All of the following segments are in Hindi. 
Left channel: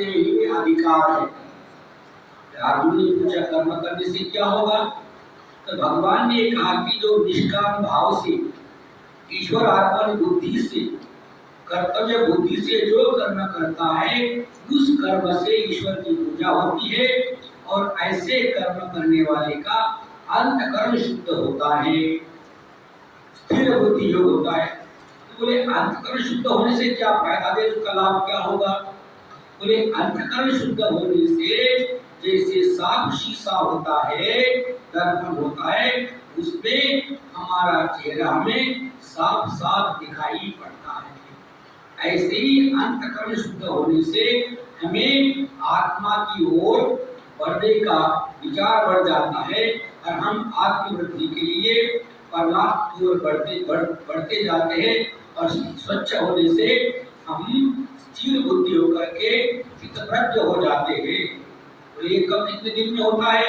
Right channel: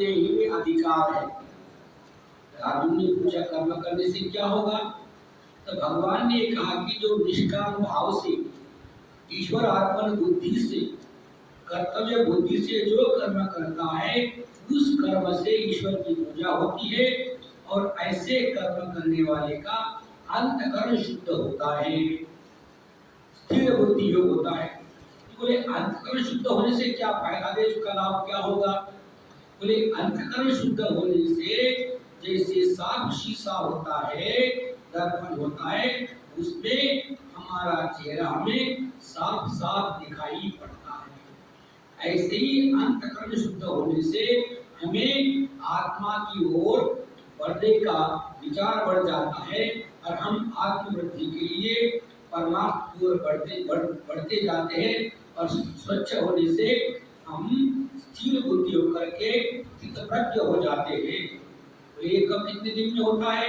करने ही अधिकार है। अर्जुन ने पूछा कर्म करने से क्या होगा? तो भगवान ने कहा कि जो निष्काम भाव से ईश्वर आत्मन बुद्धि से कर्तव्य बुद्धि से जो कर्म करता है उस कर्म से ईश्वर की पूजा होती है और ऐसे कर्म करने वाले का अंतकरण शुद्ध होता है, स्थिर बुद्धि योग होता है। तो बोले अंतकरण शुद्ध होने से क्या फायदा है, उसका लाभ क्या होगा? बोले अंतकरण शुद्ध होने से जैसे साफ शीशा होता है, दर्पण होता है, उसमें हमारा चेहरा हमें साफ साफ दिखाई पड़ता है। ऐसे ही अंतकरण शुद्ध होने से हमें आत्मा की ओर बढ़ने का विचार बढ़ जाता है और हम आत्मवृद्धि के लिए परमात्मा की ओर बढ़ते जाते हैं और स्वच्छ होने से हम स्थिर बुद्धि होकर के चित्तप्रज्ञ हो जाते हैं। तो ये कब कितने दिन में होता है?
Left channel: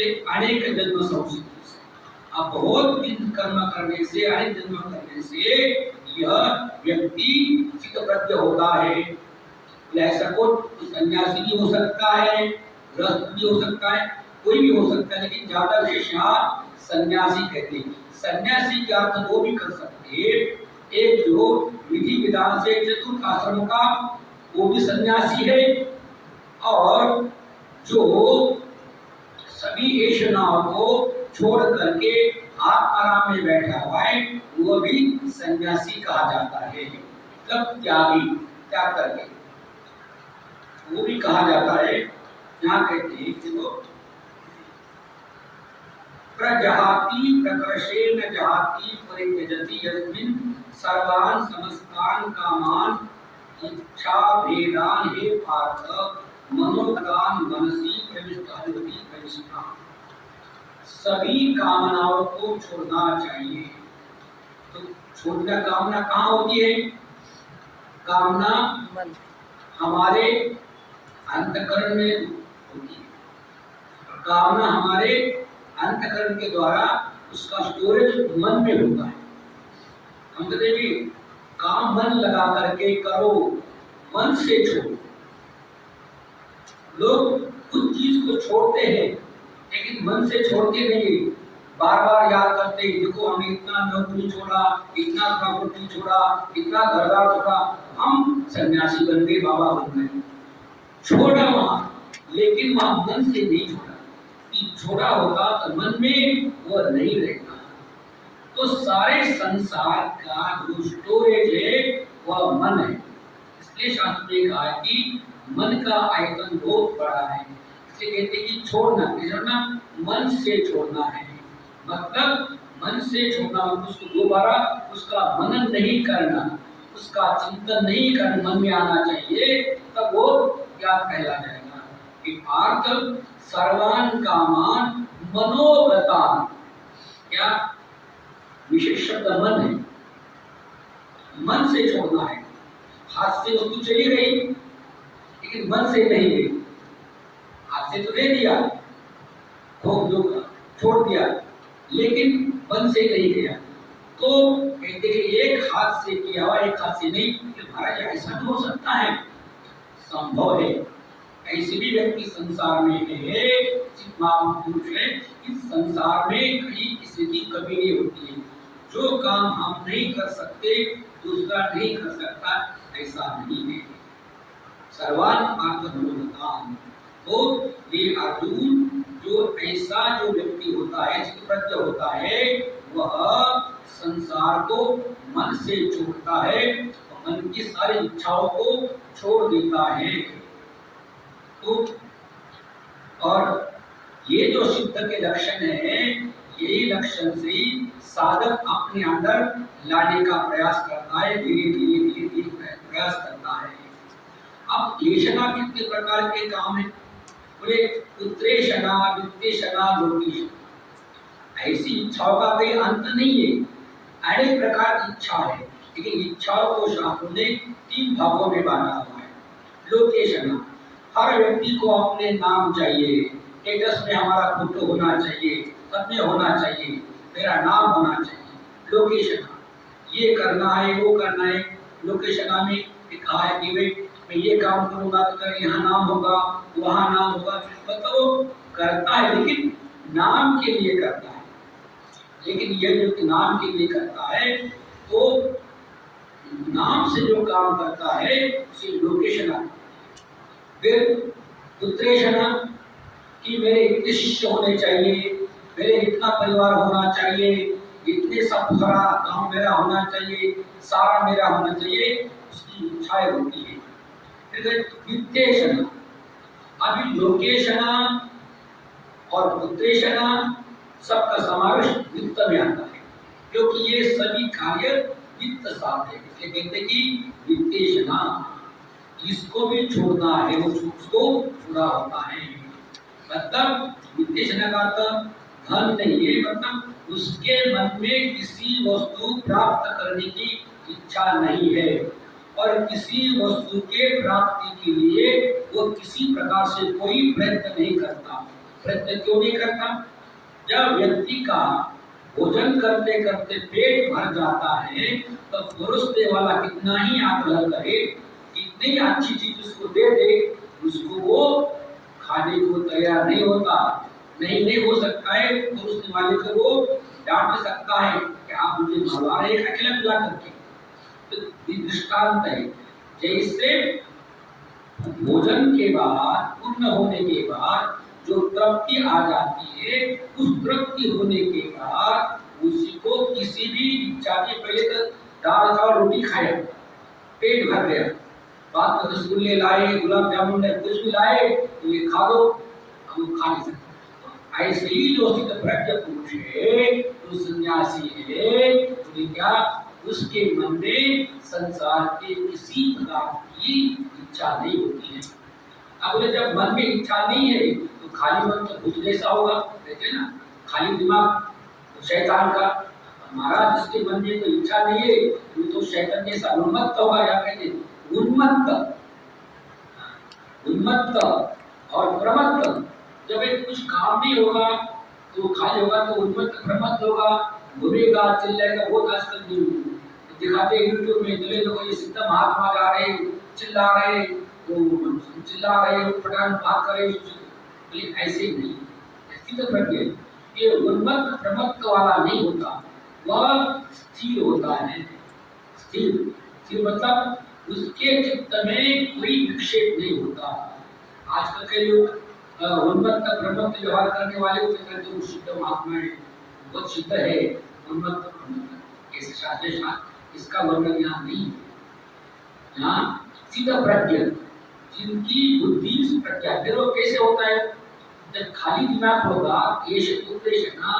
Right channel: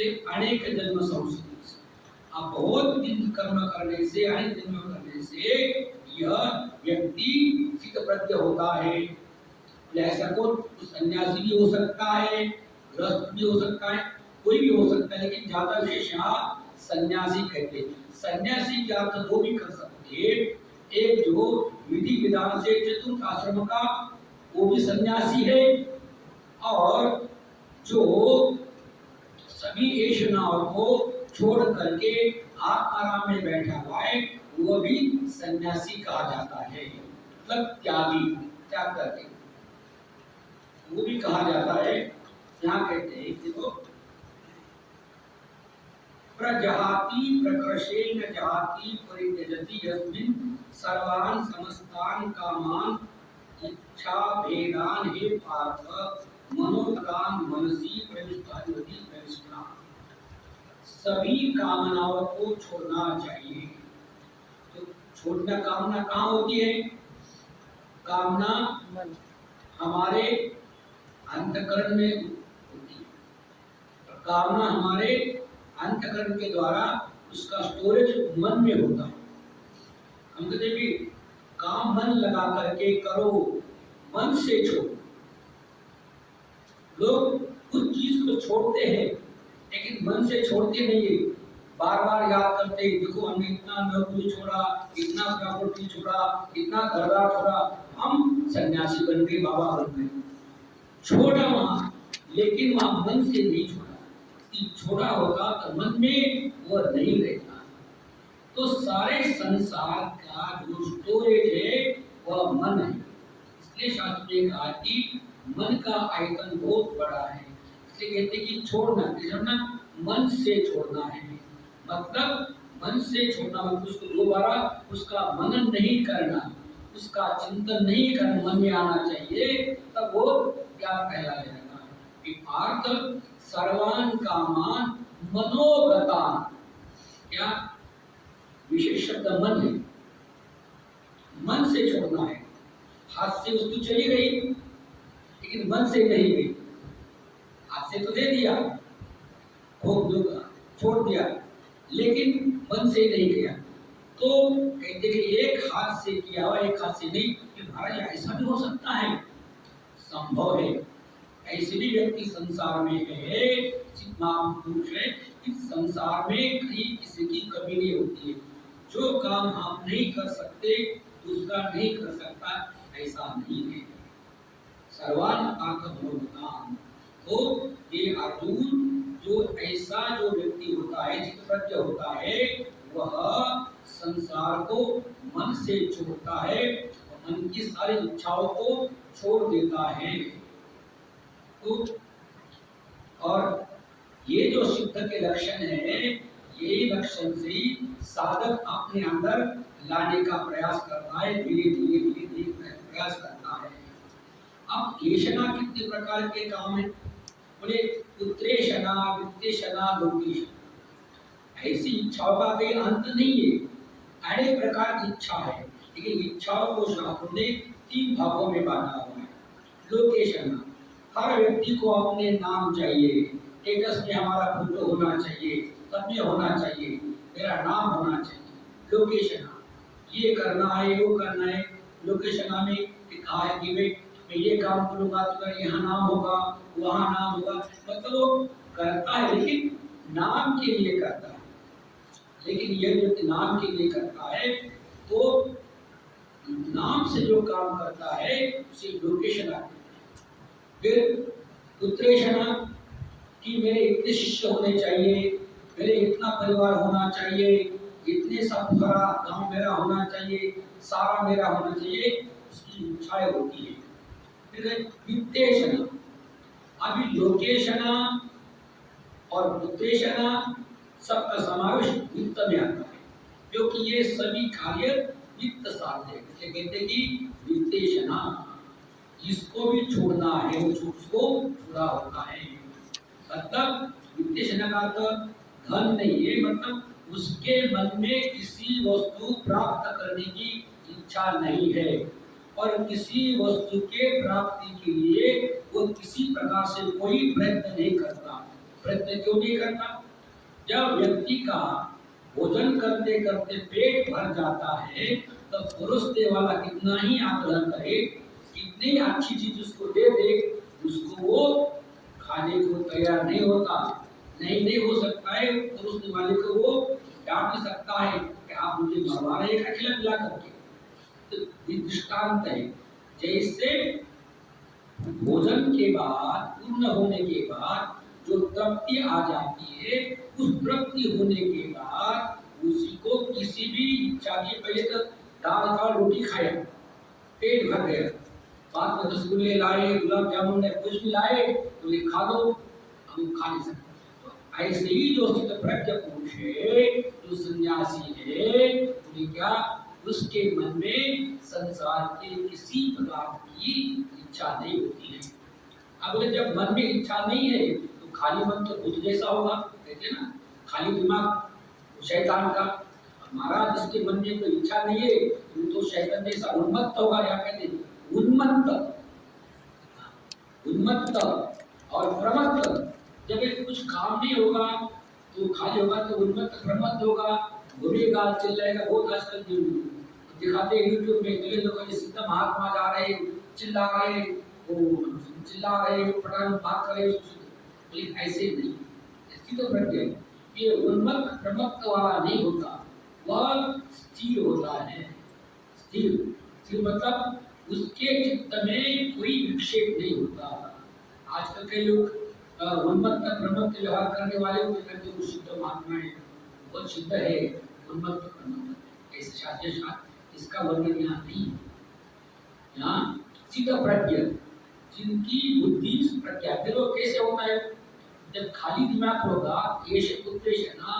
अनेक जन्म संसिद्ध। अब बहुत दिन कर्म करने से, अनेक जन्म करने से यह व्यक्ति चित्तप्रज्ञ होता है। ऐसा कोई सन्यासी भी हो सकता है, गृहस्थ भी हो सकता है, कोई भी हो सकता है, लेकिन ज्यादा विशेष यहाँ सन्यासी कहते हैं। सन्यासी के अर्थ दो भी कर सकते हैं। एक जो विधि विधान से चतुर्थ आश्रम का वो भी सन्यासी है, और जो सभी ऐशनाओं को छोड़ करके आराम में बैठा हुआ है वो भी सन्यासी कहा जाता है। मतलब त्यागी, त्याग करके वो भी कहा जाता है। यहाँ कहते हैं कि वो प्रजहाति प्रकर्षेण जहाति परित्यजति यस्मिन् सर्वान् समस्तान् कामान् इच्छा भेदान हे पार्थ मनोगतान मनसी प्रविष्टा। सभी कामनाओं को छोड़ना चाहिए। तो छोड़ना कामना कहाँ होती है? कामना हमारे अंतकरण में होती है। कामना हमारे अंतकरण के द्वारा उसका स्टोरेज मन में होता है। हम कहते भी काम मन लगा करके करो, मन से छोड़ो। लोग कुछ चीज को छोड़ते हैं लेकिन मन से छोड़ते नहीं, बार बार याद करते हैं, देखो हमने इतना नौकरी छोड़ा, इतना प्रॉपर्टी छोड़ा, इतना घरदार छोड़ा, हम सन्यासी बन गए, बाबा बन गए। छोड़ा वहां, लेकिन वहां मन से नहीं छोड़ा। छोड़ा होगा तो मन में वो नहीं रहता। तो सारे संसार का जो स्टोरेज है वह मन है। इसलिए शास्त्र ने कहा कि मन का आयतन बहुत बड़ा है। इसलिए कहते हैं कि छोड़ना मन से छोड़ना है। मतलब मन से छोड़ना मतलब उसको दोबारा उसका मनन नहीं करना, उसका चिंतन नहीं करना, मन में आना चाहिए, तब वो क्या कहला जाएगा कि पार्थ सर्वान कामान मनोगतान। क्या विशेष शब्द मन है, मन से छोड़ना है। हाथ से वस्तु चली गई लेकिन मन से नहीं गई। हाथ से तो दे दिया, खूब दुख छोड़ दिया, लेकिन मन से नहीं गया। तो कहते कि एक हाथ से किया हुआ एक हाथ से नहीं। महाराज ऐसा भी हो सकता है, संभव है। ऐसे भी व्यक्ति संसार में है, महापुरुष है, इस संसार में कहीं किसी की कमी नहीं होती है। जो काम हम नहीं कर सकते दूसरा नहीं कर सकता, ऐसा नहीं है। सर्वान पार्थ मनोगतान। तो ये अर्जुन जो ऐसा जो व्यक्ति होता है, चित्तप्रज्ञ होता है, वह संसार को मन से छोड़ता है, मन की सारी इच्छाओं को छोड़ देता है। तो और ये जो सिद्ध के लक्षण है, यही लक्षण से ही साधक अपने अंदर लाने का प्रयास करता है, धीरे धीरे प्रयास करता है। अब येषणा कितने प्रकार के काम है? बोले उत्तरेषणा, वित्तेषणा, लोकेषणा। ऐसी इच्छाओं का कोई अंत नहीं है, अनेक प्रकार की इच्छा है, लेकिन इच्छाओं को शास्त्रों ने 3 भागों में बांटा हुआ है। लोकेषणा, हर व्यक्ति को अपने नाम चाहिए, स्टेटस में हमारा फोटो होना चाहिए, पद में होना चाहिए, मेरा नाम होना चाहिए। लोकेशना, ये करना है वो करना है। लोकेशना में कहा है कि वे मैं ये काम करूंगा तो मेरा यहाँ नाम होगा, वहाँ नाम होगा। मतलब वो करता है लेकिन नाम के लिए करता है। लेकिन ये जो नाम के लिए करता है तो नाम से जो काम करता है उसे लोकेशन आती है। फिर उत्तरेषणा कि मेरे इतने शिष्य होने चाहिए, मेरे इतना परिवार होना चाहिए, इतने सब सारा गांव मेरा होना चाहिए, सारा मेरा होना चाहिए, उसकी इच्छाएं होती है। फिर वित्तेषणा, अभी लोकेशना और उत्तेषणा सबका समावेश वित्त में आता है, क्योंकि ये सभी कार्य वित्त साध्य है। इसलिए कहते हैं कि वित्तेषणा, इसको भी छोड़ना है, उसको पूरा होता है। मतलब वित्तेषणा का अर्थ धन नहीं है, मतलब उसके मन में किसी वस्तु प्राप्त करने की इच्छा नहीं है और किसी वस्तु के प्राप्ति के लिए वो किसी प्रकार से कोई प्रयत्न नहीं करता। प्रयत्न क्यों नहीं करता? जब व्यक्ति का भोजन करते करते पेट भर जाता है तो परोसने वाला कितना ही आग्रह करे, कितनी अच्छी चीज उसको दे दे, उसको वो खाने को तैयार नहीं होता। नहीं हो सकता है, परोसने वाले को वो डांट सकता है कि आप मुझे मरवा रहे हैं अकेला मिला करके। तो दृष्टांत है, जैसे भोजन के बाद, पूर्ण होने के बाद जो तृप्ति आ जाती है, उस तृप्ति होने के बाद उसी को किसी भी इच्छा के, पहले तो दाल चावल रोटी खाया, पेट भर गया, बाद में रसगुल्ले लाए, गुलाब जामुन कुछ भी लाए तो ये खा लो, अब वो खा नहीं सकते। तो ऐसे ही जो स्थित प्रज्ञ पुरुष है, जो सन्यासी है, तो क्या उसके मन में संसार के किसी प्रकार की इच्छा नहीं होती है। अब जब मन में इच्छा नहीं है तो खाली मन तो भूत जैसा होगा, कहते हैं ना, खाली दिमाग तो शैतान का। हमारा जिसके मन में कोई इच्छा नहीं है वो तो शैतान जैसा उन्मत्त होगा, या कहते हैं उन्मत्त, उन्मत्त और प्रमत्त। जब एक कुछ काम नहीं होगा तो खाली होगा तो उन्मत्त प्रमत्त होगा, घूमेगा चिल्लाएगा। बहुत आजकल दिखाते हैं यूट्यूब में, चले लोग ये सिद्ध महात्मा जा रहे, चिल्ला रहे, चिल्ला रहे, पटान बात कर रहे, लेकिन ऐसे नहीं। स्थित प्रज्ञ ये उन्मत्त प्रमत्त वाला नहीं होता, वह स्थिर होता है। स्थिर, स्थिर मतलब उसके चित्त में कोई विक्षेप नहीं होता। आजकल के लोग उन्मत्त प्रमत्त व्यवहार करने वाले को कहते हैं शुद्ध महात्मा है, बहुत सिद्ध है। उन्मत्त प्रमत्त ऐसे शास्त्र, इसका वर्णन यहाँ नहीं है। यहाँ सिद्ध प्रज्ञ, जिनकी बुद्धि प्रज्ञा, फिर वो कैसे होता है? जब खाली दिमाग होगा, केश उत्तेषणा,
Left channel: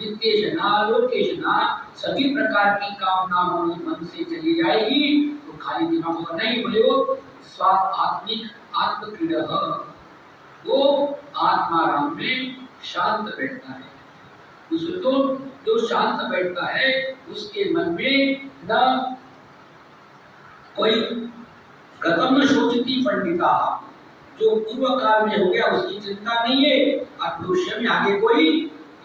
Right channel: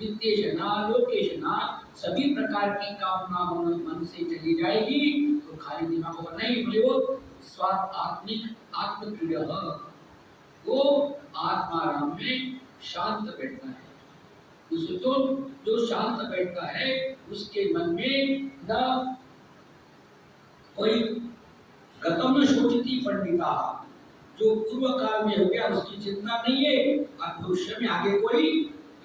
वित्तेषणा, लोकेषणा, सभी प्रकार की कामना मन से चली जाएगी तो खाली दिमाग होगा नहीं, बोले वो स्वात्मिक आत्मक्रीड़ा, वो आत्माराम में शांत बैठता है। उसको जो शांत बैठता है उसके मन में न कोई गतम न सोचती पंडिता, जो पूर्व काल में हो गया उसकी चिंता नहीं है और भविष्य में आगे कोई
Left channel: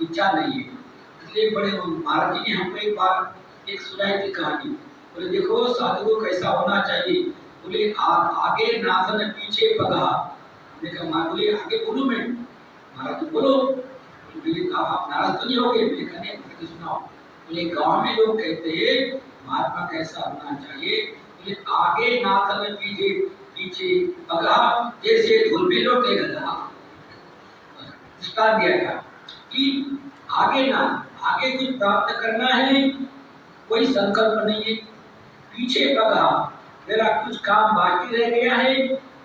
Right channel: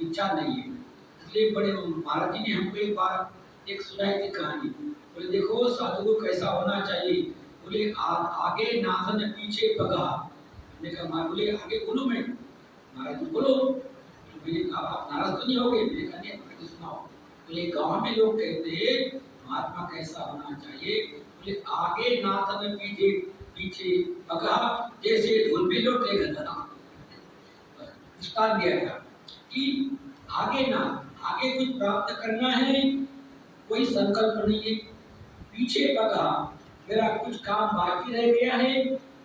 इच्छा नहीं है। इसलिए बड़े महाराज जी ने हमको एक बार एक सुनाई थी कहानी, बोले देखो साधु को कैसा होना चाहिए, बोले आगे नाथन पीछे पगा। हमने कहा बोले आगे बोलूं मैं? महाराज बोलो। बोले आप नाराज तो नहीं होगे? मैंने कहा नहीं, सुनाओ। बोले गाँव में लोग कहते हैं महात्मा कैसा होना चाहिए, बोले आगे नाथन पीछे पीछे पगा, जैसे धुलमेलों के गधा। दिया था कि आगे ना, आगे कुछ प्राप्त करना है, कोई संकल्प नहीं है, पीछे पगा मेरा कुछ काम बाकी रह गया है,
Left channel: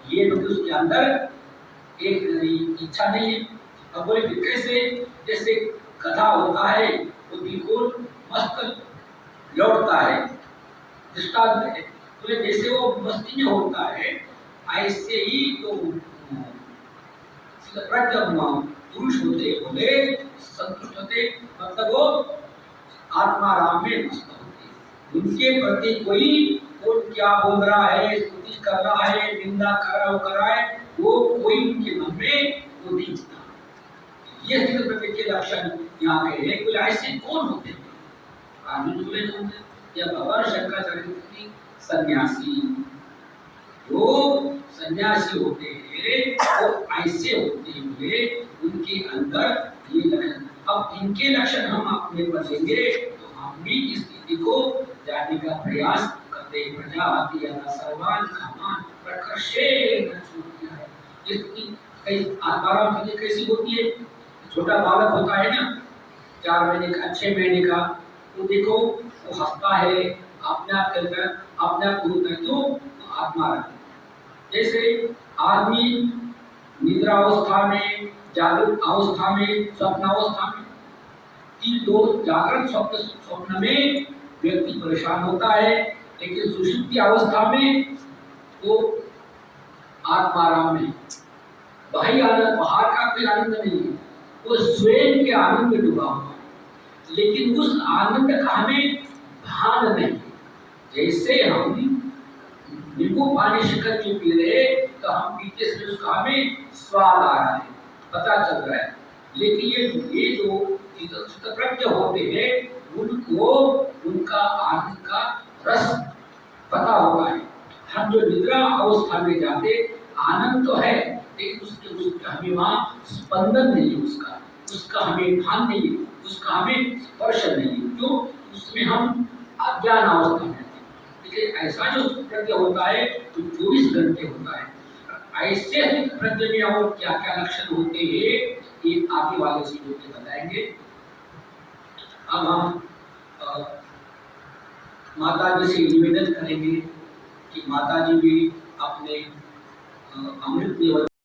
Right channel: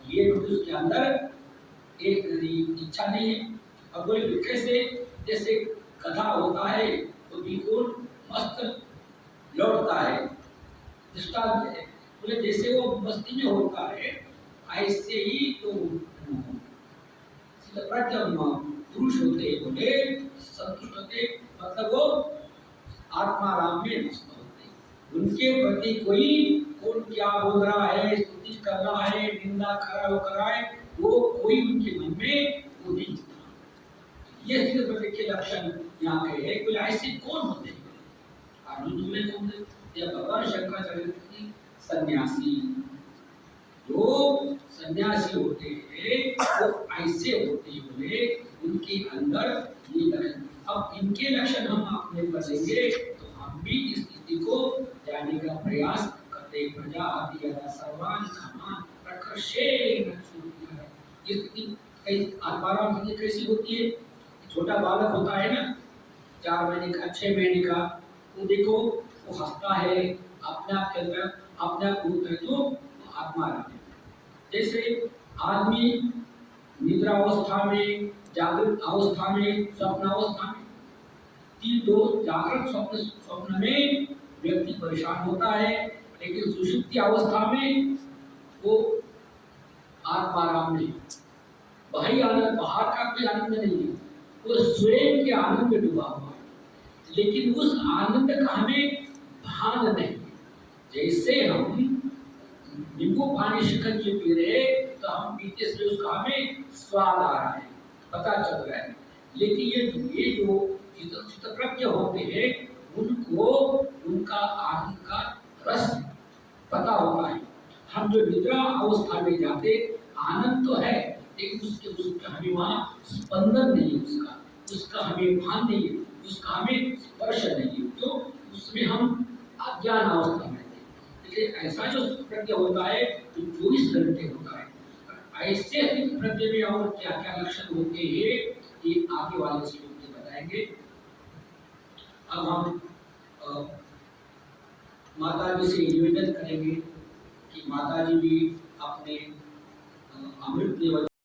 ये उसके अंदर एक इच्छा नहीं है। अब बोले कैसे? जैसे गधा होता है तो बिल्कुल मस्त लौटता है, दृष्टांत है। बोले जैसे वो मस्ती में होता है ऐसे ही तो पुरुष होते, बोले संतुष्ट होते, मतलब वो आत्माराम में मस्त होते। उनके प्रति कोई कौन क्या बोल रहा है, स्तुति कर रहा है, निंदा कर रहा है, वो कोई उनके मन में वो नहीं होता। ये स्थित प्रति के लक्षण यहाँ के हैं। कोई ऐसे कौन होते हैं? अर्जुन में कौन थे? या भगवान शंकराचार्य की सन्यासी, वो सन्यासी होते हैं वो ऐसे होते हुए उनके अंदर ये लक्षण। अब इनके लक्षण हम अपने पर लेंगे तो हम भी इस स्थिति को जानने का प्रयास करते। प्रजाति सर्वान कामान प्रकर्षेण छूटिया है। ये स्थिति कई आत्माराम स्थिति कैसी होती है? छोटा बालक होता है ना, 4 महीने का 6 महीने का, वो देखो वो हंसता है अपने आप के अंदर, अपने आप को क्यों? तो आत्माराम। जैसे आदमी निद्रा अवस्था में, जागृत अवस्था में, स्वप्न अवस्था में, तीन दो जागृत स्वप्न में व्यक्ति परेशान होता है, लेकिन सुषुप्ति अवस्था में वो आत्माराम में बाह्य आनंद, बाहर का कोई आनंद नहीं है, वो स्वयं के आनंद में डूबा हुआ है, लेकिन उस आनंद का हमें भान नहीं। जैसे हम नींबू पानी शिकंज जो पी रहे तो हम पीते से उसका हमें स्वाद आ रहा है, पता चल रहा है, लेकिन ये जो चित्तप्रज्ञ होते हैं उनको उनका आनंद का रस पता होता है। हम जो निद्रा अवस्था में जाते आनंद तो है, लेकिन उसका हमें वहाँ स्पंदन नहीं है, उसका हमें भान नहीं है, उसका हमें स्पर्श नहीं है, क्यों? उसमें हम अज्ञान अवस्था में। ऐसा जो प्रज्ञ होता है तो 24 घंटे होता है। ऐसे प्रज्ञ में और क्या क्या लक्षण होते हैं ये आगे वाले श्लोक में बताएंगे। अब हम माता जी से निवेदन करेंगे कि माता जी भी अपने अमृत